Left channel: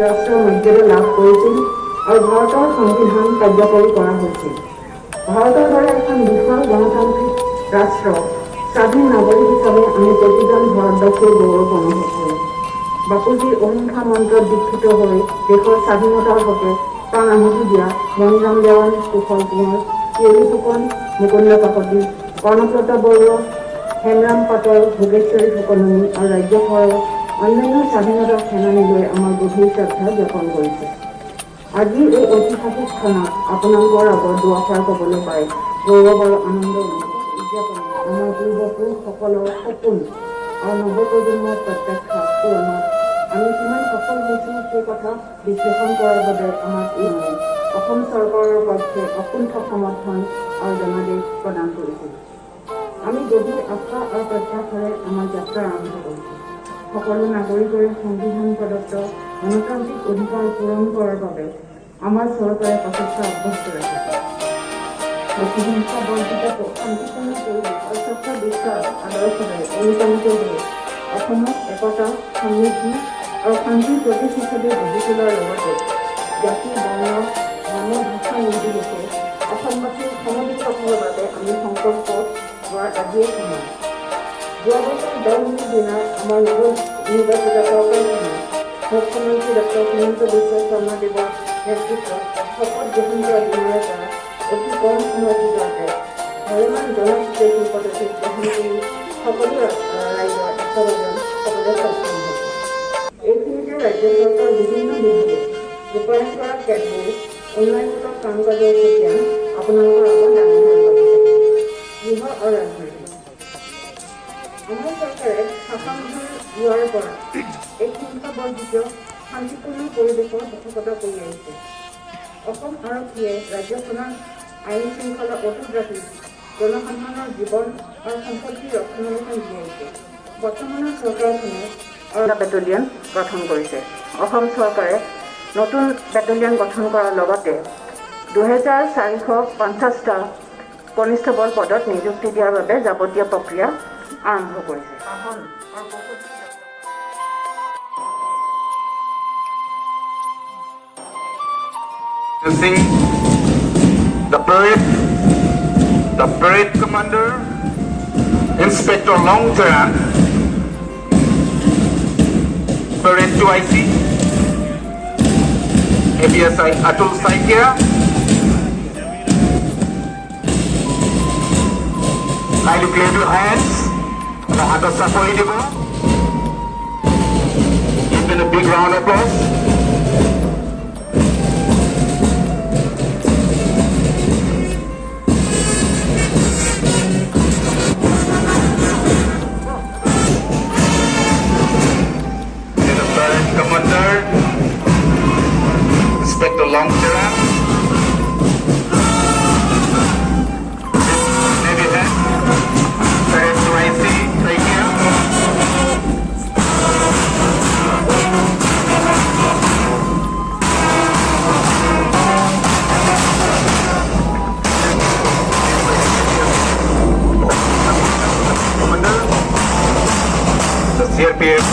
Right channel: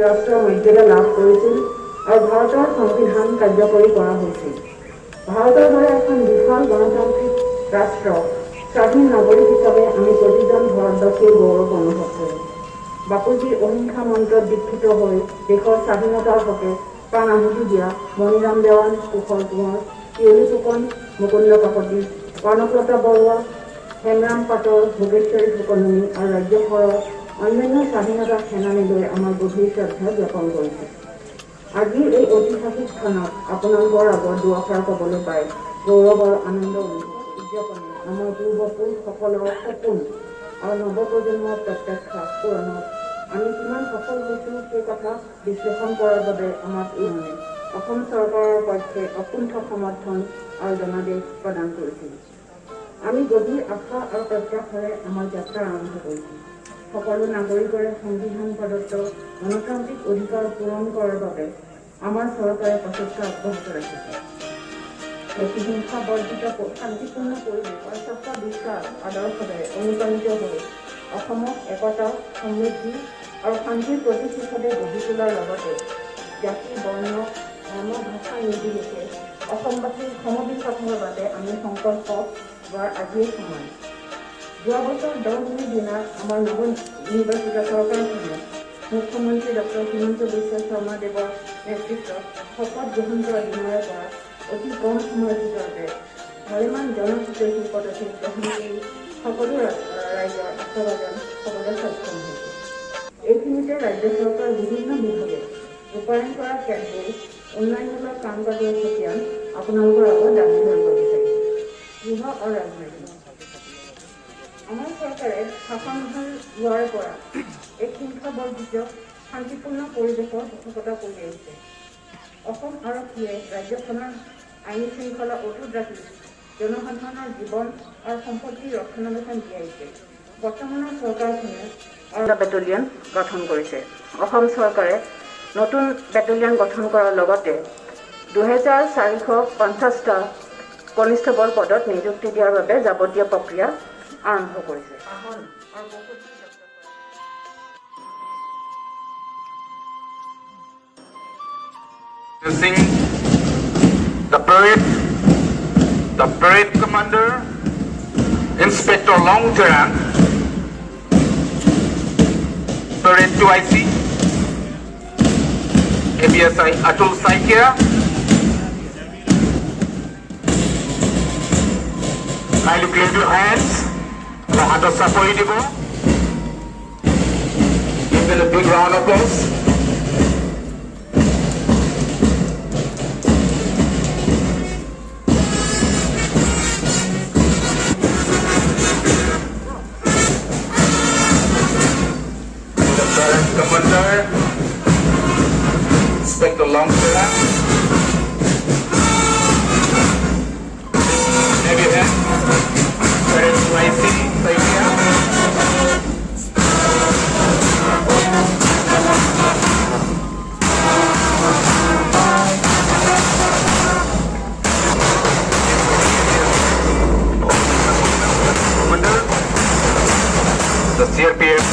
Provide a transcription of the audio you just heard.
ৰাষ্ট্ৰৰ মৰ্যাদা লাভ কৰিছিল আৰু ভাৰতৰ সংবিধান কাৰ্যকৰী কৰা হৈছিল। ভাৰতৰ দৰে এখন বিশাল গণতান্ত্ৰিক ৰাষ্ট্ৰ স্বাধীন নাগৰিক হিচাপে আমি প্ৰতিজন ভাৰতবাসীৰ গৌৰৱ অনুভৱ কৰোঁ। বাপুজীৰ অহিংসা মন্ত্ৰত দীক্ষিত হৈ দেশৰ স্বাধীনতাৰ হকে প্ৰাণ আহুতি দিয়া মণিৰাম দেৱান, কুশল কোঁৱৰ, কেলু ফুকন, মুকুন্দ কাকতি, কৰ্ণপ্ৰতাপ বৰুৱা, হেমৰাম পাটৰ, ভোগেশ্বৰী ফুকননী আৰু ৰাজ্যসভাৰ অন্যান্য স্বাধীনতা সেনানীলৈ আমাৰ গভীৰ শ্ৰদ্ধা জ্ঞাপন কৰিছে। আজি এই ঐতিহাসিক ক্ষণত আপোনালোকৰ আগত দুআষাৰ ক'বলৈ পাই গৌৰৱ আৰু আনন্দ উদযাপন আমাৰ পূৰ্বপুৰুষসকলৰ সপোন আৰু নৱপ্ৰজন্মৰ প্ৰত্যাশা পূৰণত আমি কিমান সফল হৈছোঁ সেই কথা বিশ্লেষণ কৰাৰ বাবে আমাক অসম চৰকাৰৰ পক্ষে অকুণ্ঠ সমৰ্থন আৰু জনাদেশ প্ৰদান কৰিছিল। আমি গভীৰ আশা আৰু প্ৰত্যাশাৰে আমাৰ যাত্ৰা আৰম্ভ কৰিছোঁ। সকলো নাগৰিকৰে সংবিধান প্ৰদত্ত গণতান্ত্ৰিক অধিকাৰ পূৰণ কৰাৰ বাবে আমাৰ চৰকাৰে প্ৰচেষ্টা অব্যাহত ৰাখিছে। প্ৰতিহিংসা বৰ্জিত শান্তিপূৰ্ণ পৰিৱেশ আৰু স্বচ্ছ বিশ্বাস আদৰ্শৰে অনুপ্ৰাণিত হৈ অসমক একতা, সমৃদ্ধি আৰু শান্তিৰ প্ৰতিষ্ঠাতে গঢ়ি তোলাৰ লগতে জাতি, বৰ্ণ, ধৰ্ম, ভাষা নিৰ্বিশেষে অসমবাসীৰ সমবেত বাবে আমি সংকল্প হোৱাৰ আজিয়ে সময়। যোৱা বছৰ 10 মে'ৰ দিনা আমাৰ নৱনিৰ্বাচিত চৰকাৰখনে মুখ্যমন্ত্ৰী ডক্টৰ হিমন্ত বিশ্ব শৰ্মা দেৱৰ নেতৃত্বত শপত গ্ৰহণ কৰা দিনাৰ পৰা অতি কম সময়ৰ ভিতৰতে ভালেমান জনহিতৈষী পদক্ষেপ গ্ৰহণ কৰি সকলো ৰাইজৰ আশাবাদন সকলোৱে সক্ষম হৈছে। এইখিনিতে ৰাজ্য চৰকাৰৰ বিভিন্ন বিভাগে ৰূপায়ণ কৰা কেতবোৰ উন্নয়নমূলক কাম কাজৰ খতিয়ান আপোনালোকৰ আগত দাঙি ধৰিব বিচাৰিছোঁ। গৃহ আৰু ৰাজনীতি আমাৰ চৰকাৰে শাসনভাৰ লোৱাৰ পৰা এই হিংসাবৰ্জিত শান্তিপূৰ্ণ পৰিৱেশৰ পোষকতা কৰি আহিছে। অসম আৰক্ষীয়ে ৰাজ্যখনৰ আইন শৃংখলা অটুট ৰাখি জনসাধাৰণৰ জীৱন আৰু সম্পত্তি ৰক্ষণাবেক্ষণ দিয়াইছে। বৰ্তমানৰ চৰকাৰখনে বেটেলিয়ন গঠন কৰিছে। অসম চৰকাৰে নতুন বেটেলিয়ন গঠন কৰাৰ লগতে 2450টা কনিষ্টেবল পদত নিযুক্তি দিয়াৰ বাবে যাৱতীয় প্ৰক্ৰিয়া আৰম্ভ কৰিছে। The parade commander, Inspector Long Term, Parade 2IC, ABSI Atul Saikia, kindly clap your hands. Bahadur Sapoli Debo. Give them a big round of applause. Commander, Inspector Long Term. The CRPF